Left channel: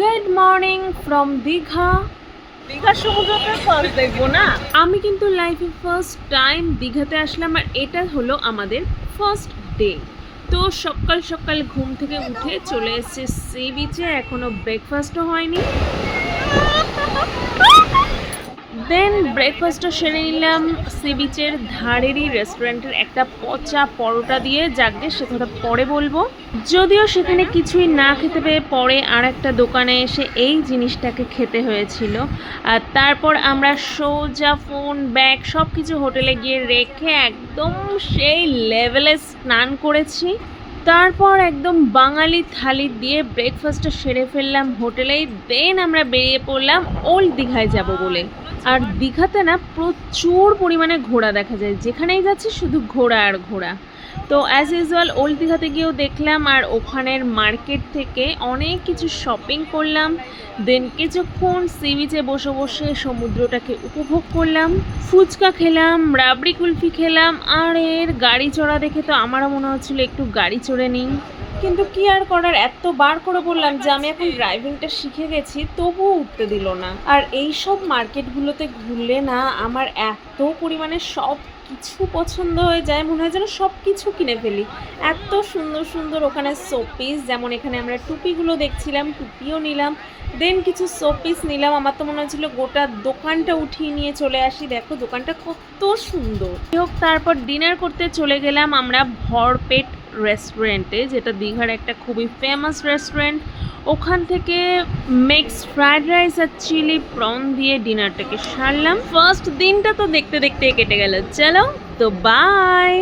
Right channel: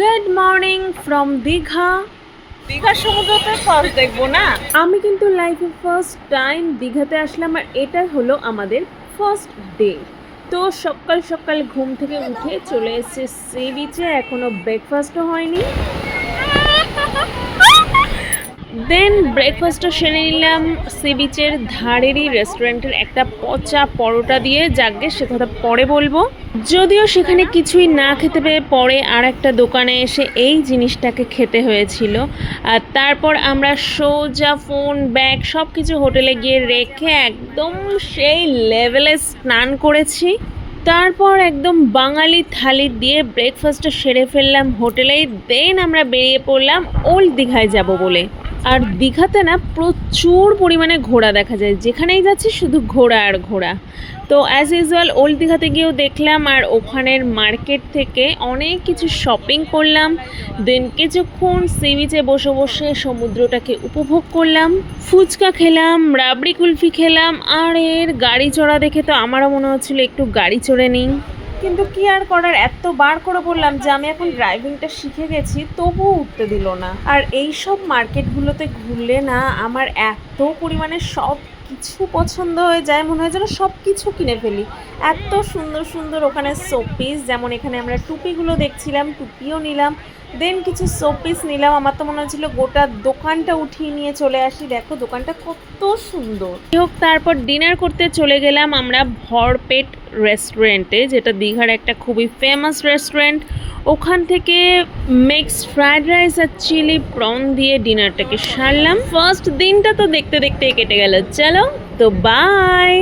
Good morning from Digha. দীঘার সমুদ্রটা first দেখবো না। আমি কিন্তু লাইফে ফার্স্ট টাইম দীঘাতে আসলাম, আর এটা হলো আমাদের ফার্স্ট ডে। তো সকাল সকাল ঘুম থেকে উঠে চলে এসেছে সি বিচে, এখনো ব্রেকফাস্টও হয়নি। দেন ব্রেকফাস্টটা সেরে নিলাম সি বিচের ধারেরই রেস্টুরেন্টের একটা পচা পরোটা দিয়ে। যাকে সে কথা পরে বলবো। যদিও সেখানে কিছুই না খেতে পেয়ে পরে আর একটা দোকানে এসে এই জিনিসটাকে খেতে হয়েছিল। আর তারপর আমরা সোজা ফোন ব্যাগ সব কিছু হোটেলে গিয়ে রেখে একদম সেই লেভেলে স্নান করেছি। তারপর একদম বাঙালি থালি দিয়ে ব্রেকফাস্টটা সেরে ফেললাম হোটেলেই। দেন আমরা বেরিয়ে পড়লাম ওল্ড দীঘায় যাব বলে। আর দীঘাতে না প্রচুর পরিমাণে ঘোড়া দেখা যায়, যেখানেই যাচ্ছি শুধু ঘোড়া আর ঘোড়া। তো অ্যাজ ইউজুয়াল ওল্ড দীঘাতে গিয়েও দেখলাম, আর ওখানের মার্কেট থেকে অনেক কিছু শপিং করলাম। দেন কিছুক্ষণ সি বিচে বসে বসে সমুদ্রটাকে উপভোগ করলাম, ফুচকা খেলাম, রাবড়ি কুলফি খেলাম। আর এর গাড়ি চড়া দেখে তো আমারও মনে হচ্ছিল একটু গাড়ি চড়ে নিই, কিন্তু কি আর করার, এত বার করে বললাম যে আমি এখন ড্রাইভিংটা শিখে গেছি, তবুও উঠতে দিল না। আর এই সব মার্কেটগুলোতে ঘুরলে না আমার এত পরিমাণে সব কিছু পছন্দ হয়ে যায়, মনে হয় যেন সব কিছু কিনে ফেলি। এত সুন্দর সুন্দর ওখানে শোপিস, যেমন এখানে আমরা টুপিগুলো দেখছিলাম, টুপিও নিলাম। দেন কিছু শোপিস নিলাম। আমার তো মনে হচ্ছিল গোটা দোকানটা উঠিয়ে নিয়ে চলে আসি। দেখো দোকানটা কত সুন্দর। যাই হোক, তারপর ডিনার করতে চলে গেলাম আমরা ভরপেট রেস্টুরেন্টে, যেটা দীঘার একটা খুবই ফেমাস রেস্টুরেন্ট। ওখান থেকে মিক্সড ফ্রাইড রাইস আর চিলি প্রন দিয়ে ডিনারটাকে সারলাম। ফার্স্ট দিনটা তো দেখতে দেখতে কেটে গেল। চলো তো বাই।